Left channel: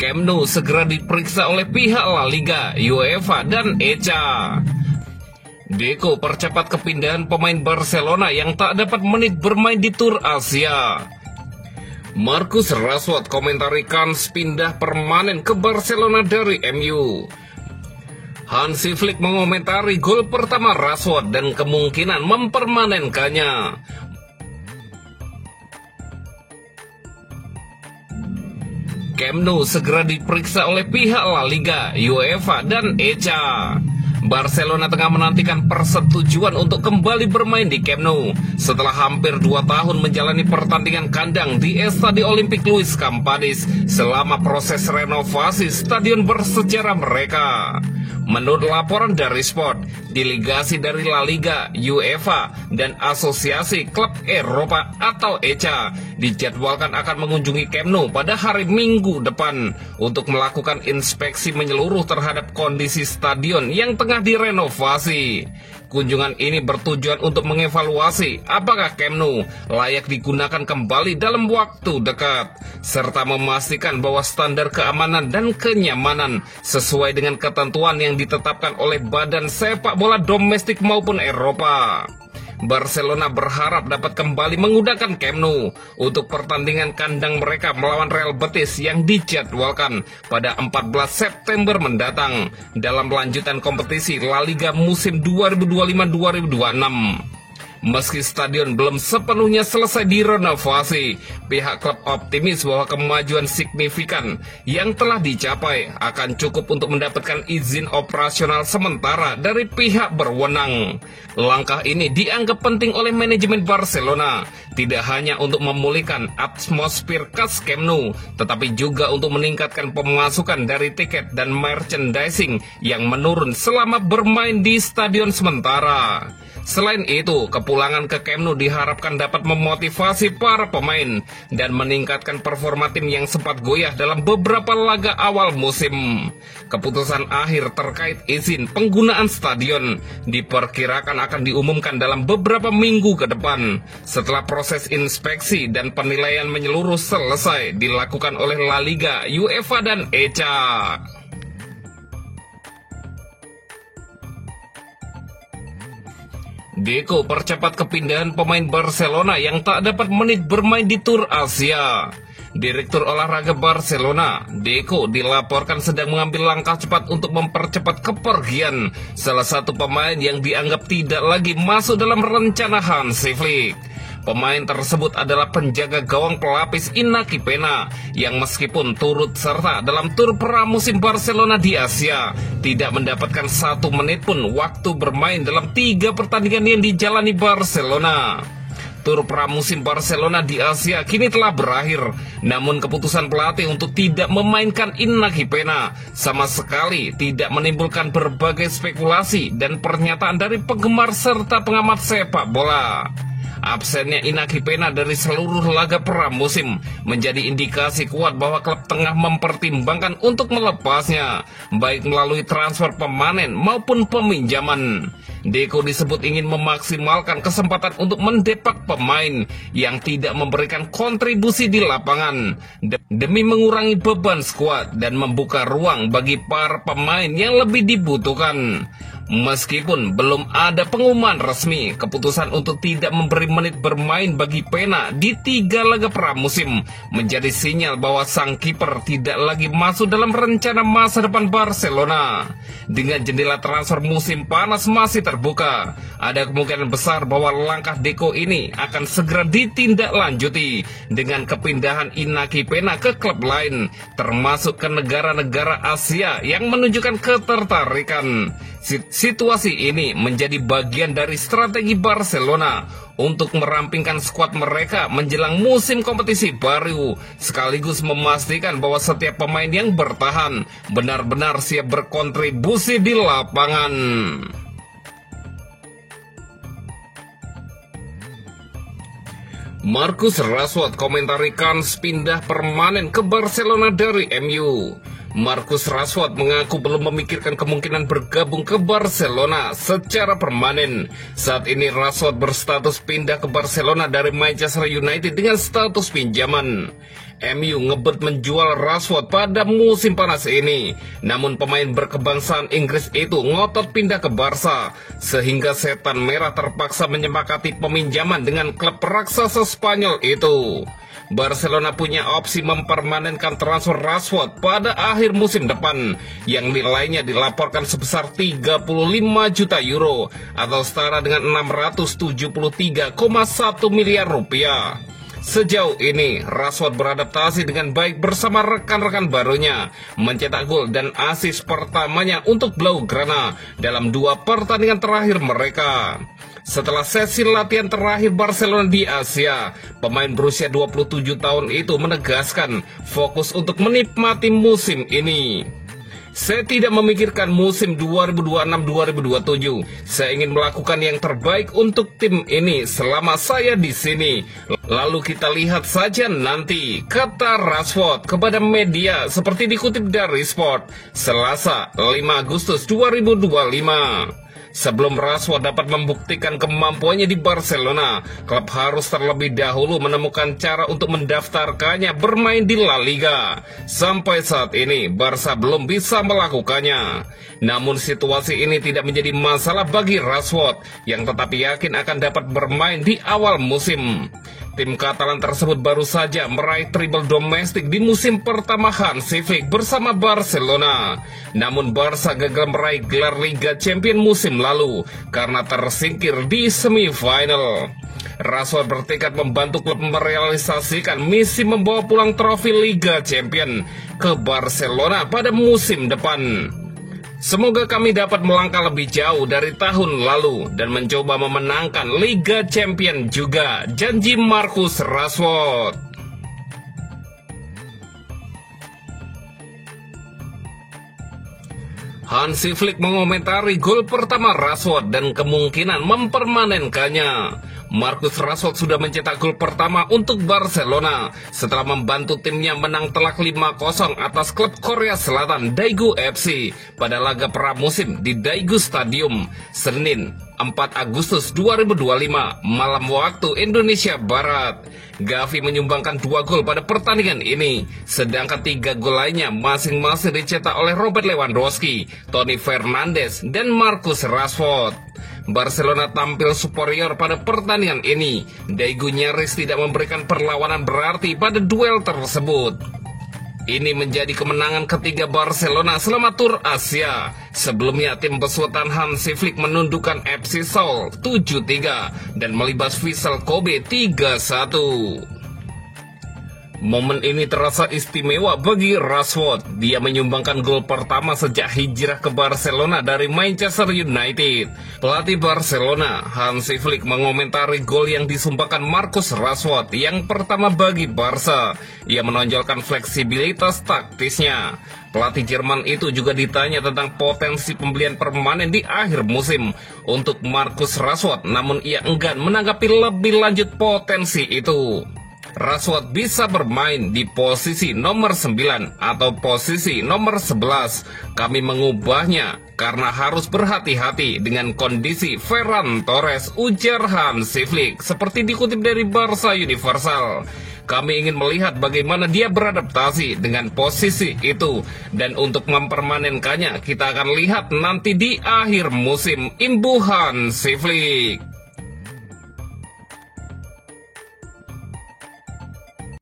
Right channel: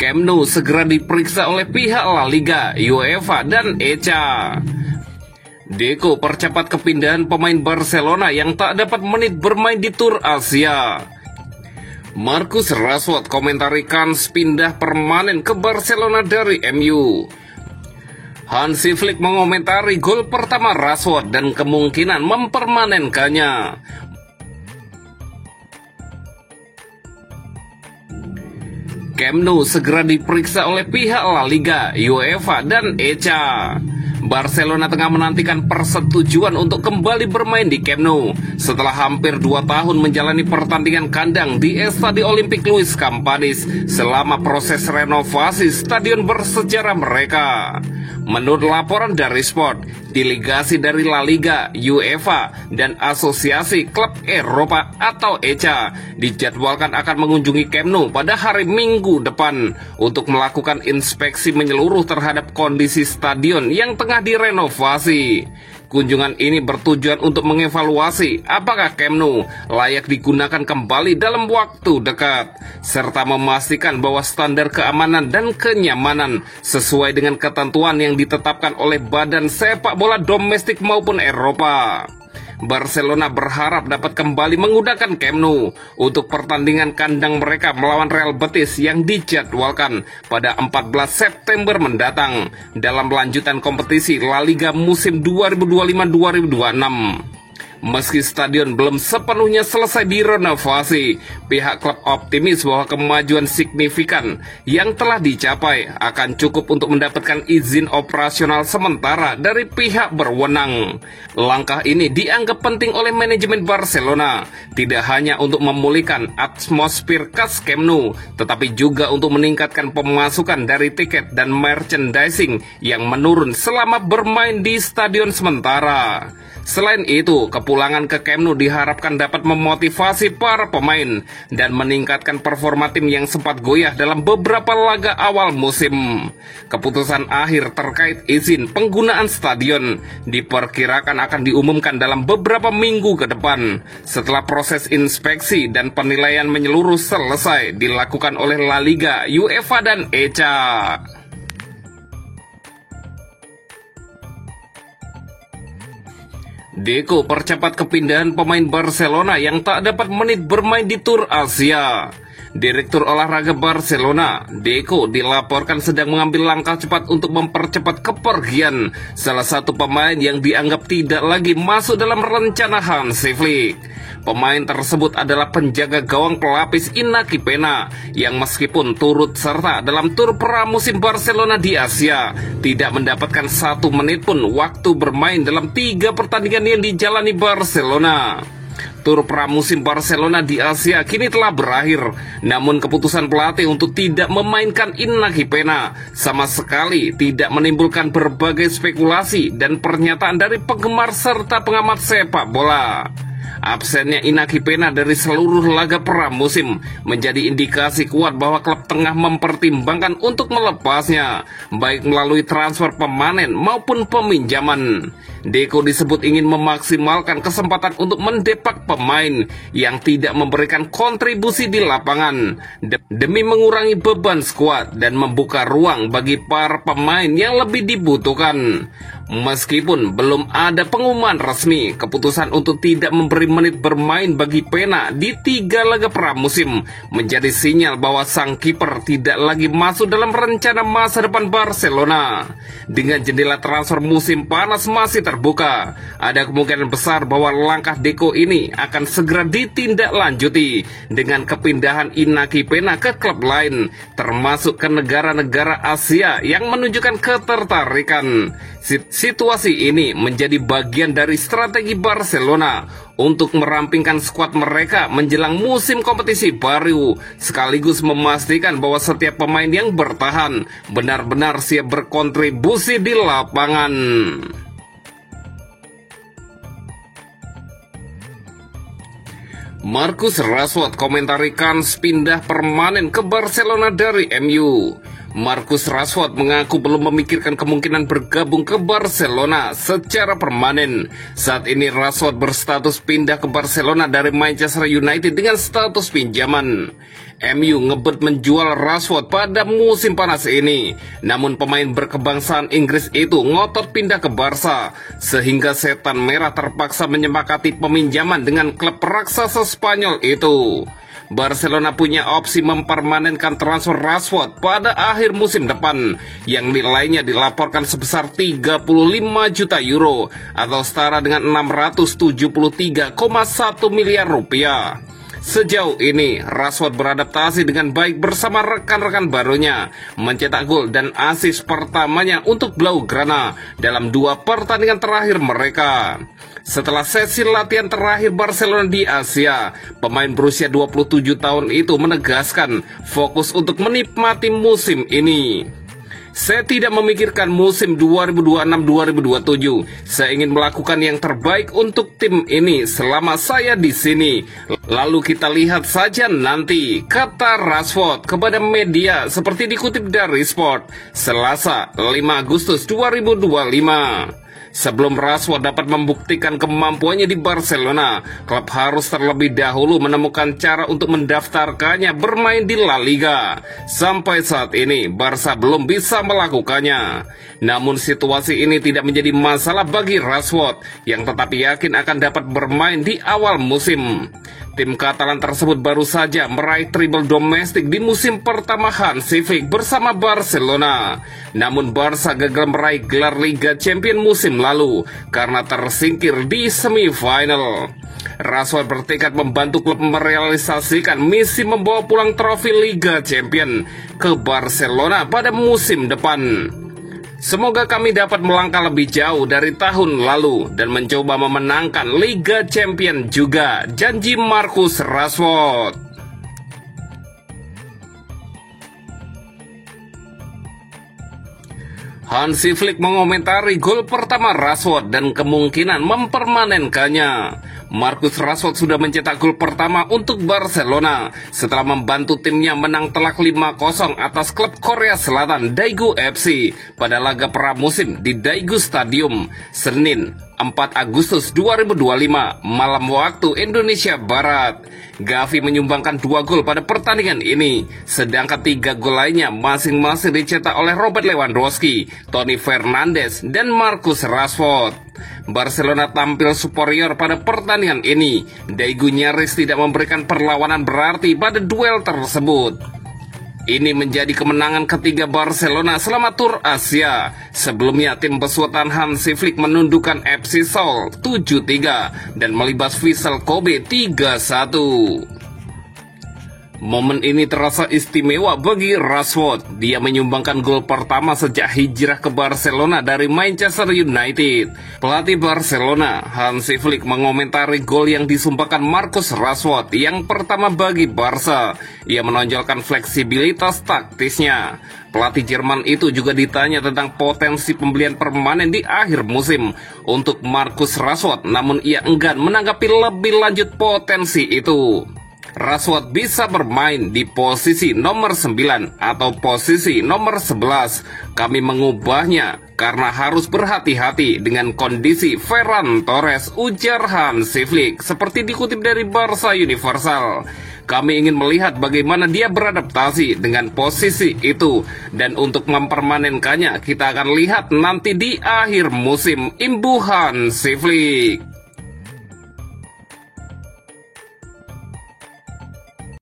Camp Nou segera diperiksa oleh pihak La Liga, UEFA, dan ECA. Deco percepat kepindahan pemain Barcelona yang tak dapat menit bermain di Tour Asia. Marcus Rashford komentari kans pindah permanen ke Barcelona dari MU. Hansi Flick mengomentari gol pertama Rashford dan kemungkinan mempermanenkannya. Camp Nou segera diperiksa oleh pihak La Liga, UEFA, dan ECA. Barcelona tengah menantikan persetujuan untuk kembali bermain di Camp Nou setelah hampir 2 tahun menjalani pertandingan kandang di Estadio Olympique Luis Companys selama proses renovasi stadion bersejarah mereka. Menurut laporan dari Sport, delegasi dari La Liga, UEFA, dan Asosiasi Klub Eropa atau ECA dijadwalkan akan mengunjungi Camp Nou pada hari Minggu depan untuk melakukan inspeksi menyeluruh terhadap kondisi stadion yang tengah direnovasi. Kunjungan ini bertujuan untuk mengevaluasi apakah Camp Nou layak digunakan kembali dalam waktu dekat, serta memastikan bahwa standar keamanan dan kenyamanan sesuai dengan ketentuan yang ditetapkan oleh badan sepak bola domestik maupun Eropa. Barcelona berharap dapat kembali menggunakan Camp Nou untuk pertandingan kandang mereka melawan Real Betis yang dijadwalkan pada 14 September mendatang dalam lanjutan kompetisi La Liga musim 2025-2026. Meski stadion belum sepenuhnya selesai direnovasi, pihak klub optimis bahwa kemajuan signifikan yang telah dicapai akan cukup untuk mendapatkan izin operasional sementara dari pihak berwenang. Langkah ini dianggap penting oleh manajemen Barcelona, tidak hanya untuk memulihkan atmosfer khas Camp Nou, tetapi juga untuk meningkatkan pemasukan dari tiket dan merchandising yang menurun selama bermain di stadion sementara. Selain itu, kepulangan ke Camp Nou diharapkan dapat memotivasi para pemain dan meningkatkan performa tim yang sempat goyah dalam beberapa laga awal musim. Keputusan akhir terkait izin penggunaan stadion diperkirakan akan diumumkan dalam beberapa minggu ke depan setelah proses inspeksi dan penilaian menyeluruh selesai dilakukan oleh La Liga, UEFA, dan ECA. Deco percepat kepindahan pemain Barcelona yang tak dapat menit bermain di Tour Asia. Direktur olahraga Barcelona, Deco, dilaporkan sedang mengambil langkah cepat untuk mempercepat kepergian salah satu pemain yang dianggap tidak lagi masuk dalam rencana Hansi Flick. Pemain tersebut adalah penjaga gawang pelapis Iñaki Peña yang meskipun turut serta dalam tur pramusim Barcelona di Asia, tidak mendapatkan 1 menit pun waktu bermain dalam 3 pertandingan yang dijalani Barcelona. Tur pramusim Barcelona di Asia kini telah berakhir, namun keputusan pelatih untuk tidak memainkan Iñaki Peña sama sekali tidak menimbulkan berbagai spekulasi dan pernyataan dari penggemar serta pengamat sepak bola. Absennya Iñaki Peña dari seluruh laga pramusim menjadi indikasi kuat bahwa klub tengah mempertimbangkan untuk melepasnya, baik melalui transfer pemanen maupun peminjaman. Deco disebut ingin memaksimalkan kesempatan untuk mendepak pemain yang tidak memberikan kontribusi di lapangan demi mengurangi beban skuad dan membuka ruang bagi para pemain yang lebih dibutuhkan. Meskipun belum ada pengumuman resmi, keputusan untuk tidak memberi menit bermain bagi Peña di 3 laga pramusim menjadi sinyal bahwa sang kiper tidak lagi masuk dalam rencana masa depan Barcelona. Dengan jendela transfer musim panas masih terbuka, ada kemungkinan besar bahwa langkah Deco ini akan segera ditindaklanjuti dengan kepindahan Iñaki Peña ke klub lain, termasuk ke negara-negara Asia yang menunjukkan ketertarikan. Situasi ini menjadi bagian dari strategi Barcelona untuk merampingkan skuad mereka menjelang musim kompetisi baru, sekaligus memastikan bahwa setiap pemain yang bertahan benar-benar siap berkontribusi di lapangan. Marcus Rashford komentari kans pindah permanen ke Barcelona dari MU. Marcus Rashford mengaku belum memikirkan kemungkinan bergabung ke Barcelona secara permanen. Saat ini Rashford berstatus pindah ke Barcelona dari Manchester United dengan status pinjaman. MU ngebet menjual Rashford pada musim panas ini. Namun pemain berkebangsaan Inggris itu ngotot pindah ke Barca, sehingga setan merah terpaksa menyepakati peminjaman dengan klub raksasa Spanyol itu. Barcelona punya opsi mempermanenkan transfer Rashford pada akhir musim depan yang nilainya dilaporkan sebesar 35 juta euro atau setara dengan 673,1 miliar rupiah. Sejauh ini, Rashford beradaptasi dengan baik bersama rekan-rekan barunya, mencetak gol dan assist pertamanya untuk Blaugrana dalam 2 pertandingan terakhir mereka. Setelah sesi latihan terakhir Barcelona di Asia, pemain berusia 27 tahun itu menegaskan fokus untuk menikmati musim ini. Saya tidak memikirkan musim 2026-2027. Saya ingin melakukan yang terbaik untuk tim ini selama saya di sini. Lalu kita lihat saja nanti, kata Rashford kepada media seperti dikutip dari Sport, Selasa 5 Agustus 2025. Sebelum Rashford dapat membuktikan kemampuannya di Barcelona, klub harus terlebih dahulu menemukan cara untuk mendaftarkannya bermain di La Liga. Sampai saat ini, Barca belum bisa melakukannya. Namun situasi ini tidak menjadi masalah bagi Rashford, yang tetap yakin akan dapat bermain di awal musim. Tim Katalan tersebut baru saja meraih treble domestik di musim pertama Hansi Flick bersama Barcelona. Namun Barca gagal meraih gelar Liga Champions musim lalu karena tersingkir di semifinal. Rashford bertekad membantu klub merealisasikan misi membawa pulang trofi Liga Champions ke Barcelona pada musim depan. Semoga kami dapat melangkah lebih jauh dari tahun lalu dan mencoba memenangkan Liga Champions juga, janji Marcus Rashford. Hansi Flick mengomentari gol pertama Rashford dan kemungkinan mempermanenkannya. Marcus Rashford sudah mencetak gol pertama untuk Barcelona setelah membantu timnya menang telak 5-0 atas klub Korea Selatan Daegu FC pada laga pramusim di Daegu Stadium, Senin 4 Agustus 2025 malam waktu Indonesia Barat. Gavi menyumbangkan 2 gol pada pertandingan ini, sedangkan 3 gol lainnya masing-masing dicetak oleh Robert Lewandowski, Toni Fernandes, dan Marcus Rashford. Barcelona tampil superior pada pertandingan ini. Daegu nyaris tidak memberikan perlawanan berarti pada duel tersebut. Ini menjadi kemenangan ketiga Barcelona selama tur Asia. Sebelumnya tim besutan Hansi Flick menundukkan FC Seoul 7-3 dan melibas Vissel Kobe 3-1. Momen ini terasa istimewa bagi Rashford. Dia menyumbangkan gol pertama sejak hijrah ke Barcelona dari Manchester United. Pelatih Barcelona, Hansi Flick, mengomentari gol yang disumbangkan Marcus Rashford yang pertama bagi Barca. Ia menonjolkan fleksibilitas taktisnya. Pelatih Jerman itu juga ditanya tentang potensi pembelian permanen di akhir musim untuk Marcus Rashford, namun ia enggan menanggapi lebih lanjut potensi itu. Rashford bisa bermain di posisi nomor 9 atau posisi nomor 11. Kami mengubahnya karena harus berhati-hati dengan kondisi Ferran Torres, ujar Hansi Flick, seperti dikutip dari Barca Universal. Kami ingin melihat bagaimana dia beradaptasi dengan posisi itu, dan untuk mempermanenkannya kita akan lihat nanti di akhir musim, imbuh Hansi Flick.